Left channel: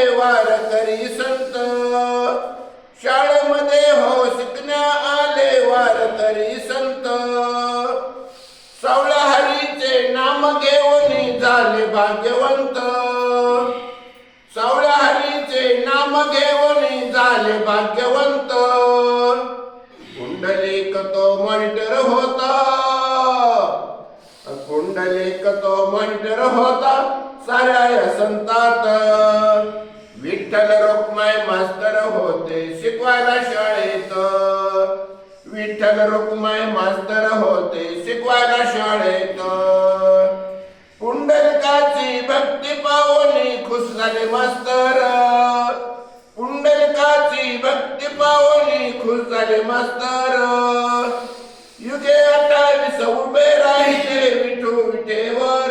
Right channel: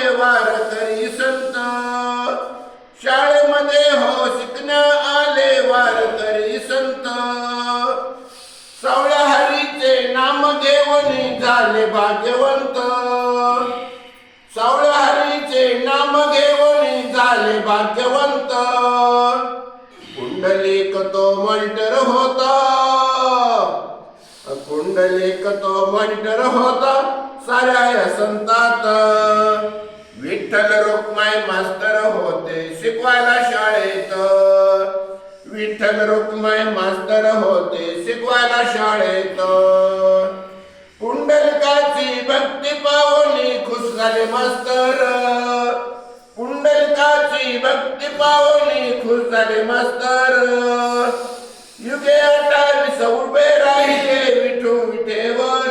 आले वारकरी संत, शाळेमध्ये हो शिकण्या आले वारकरी संत. सावळ्या हरीचे नाम घेऊन झाले भाग्यवंत, सावळ्या हरीचे नाम घेऊन झाले भाग्यवंत. पुंडलिक तो मंटर होता, पुंडलिक तो मंटर होता साऱ्या संतात. विठ्ठल रुक्माई मास्तर होते शिकवायला शाळेत, विठ्ठल रुक्माई मास्तर होते शिकवायला शाळेत. पुंडलिकाची भक्ती पावनी खुश झाले मास्तर, पुंडलिकाची भक्ती पावनी खुश झाले मास्तर. युगे 28 उभे राहिले विठू विठेवर,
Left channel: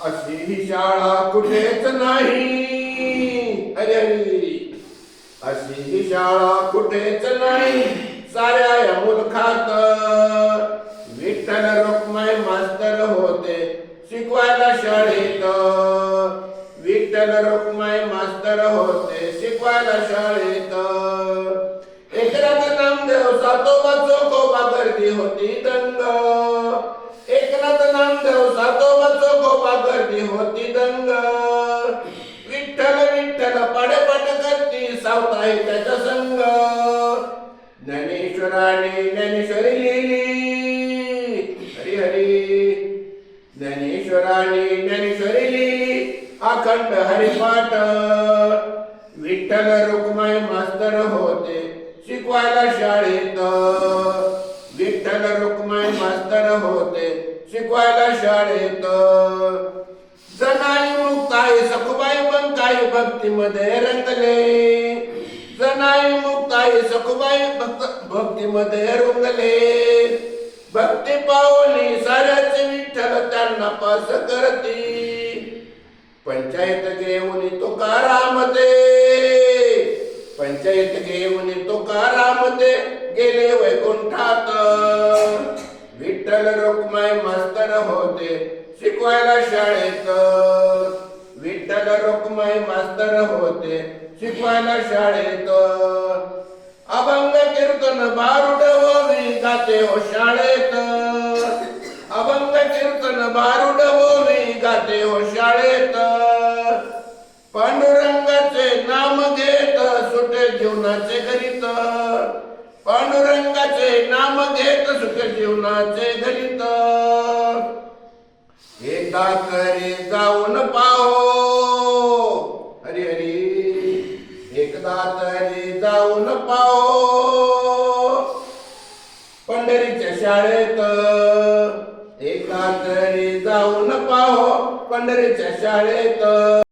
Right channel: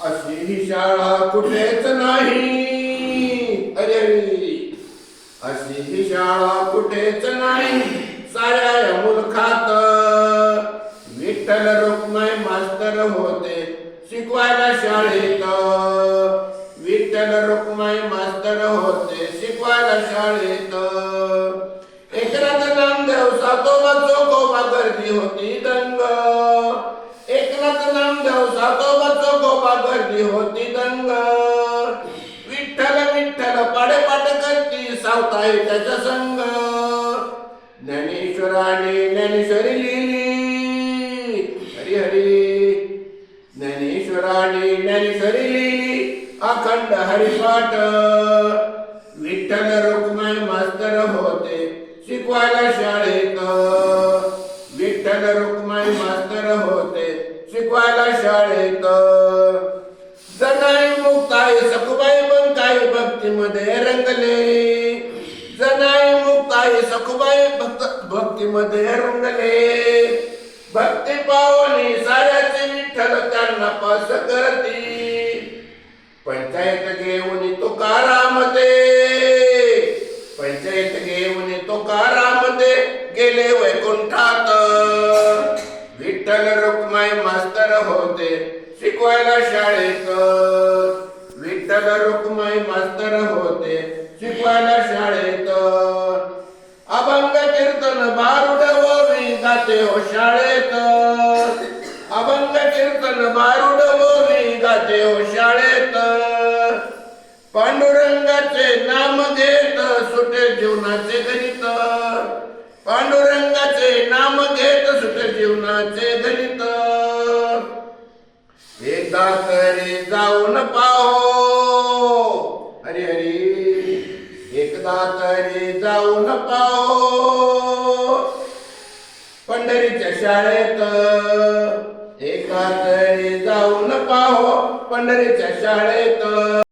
अशी ही शाळा कुठेच नाही. अरे अशी ही शाळा कुठेच नाही साऱ्या मुलखात. विठ्ठल रुक्माई मास्तर होते शिकवायला शाळेत, विठ्ठल रुक्माई मास्तर होते शिकवायला शाळेत. एकनाथ नामदेव सातोबा चोखोबा गर्दी होती दंग, एकनाथ नामदेव सातोबा चोखोबा गर्दी होती दंग. विठ्ठल विठ्ठल पाडेपाट करती सावताई त्याच्या संग. ज्ञानेश्वराने ज्ञानेश्वरी लिहिली, हरी हरी. ज्ञानेश्वराने ज्ञानेश्वरी लिहिली अखंड हरिपाठ. विठ्ठल रुक्माई मास्तर होते शिकवायला शाळेत, विठ्ठल रुक्माई मास्तर होते शिकवायला शाळेत. जनाई मुक्ताई सखुबाई बंकाई भक्तीमध्ये रंगले, जनाई मुक्ताई सखुबाई भक्तीमध्ये रंगले. भक्ती पावनी साऱ्याचे विठ्ठल त्यांना पास करती. पंचायत घेऊन तुकाराम दे, पंचायत घेऊन तुकाराम दे गेले वैकुंठात. विठ्ठल रुक्माई मास्तर होते शिकवायला शाळेत, विठ्ठल रुक्माई मास्तर होते शिकवायला शाळेत. अभंग कीर्तन बारुड ओवी गाते हो शाळेत, अभंग कीर्तन बारुड ओवी गाते हो शाळेत. पांडुरंगाचे नाम घेत सुटे जीवनाचे गणित, पांडुरंगाचे नाम घेत सुटे जीवनाचे गणित. एकदा तरी जाऊन पाहो, हरी हरी. एकदा तरी जाऊन पाहो पंढरीच्या शाळेत, एकदा तरी जाऊन पाहो पंढरीच्या शाळेत.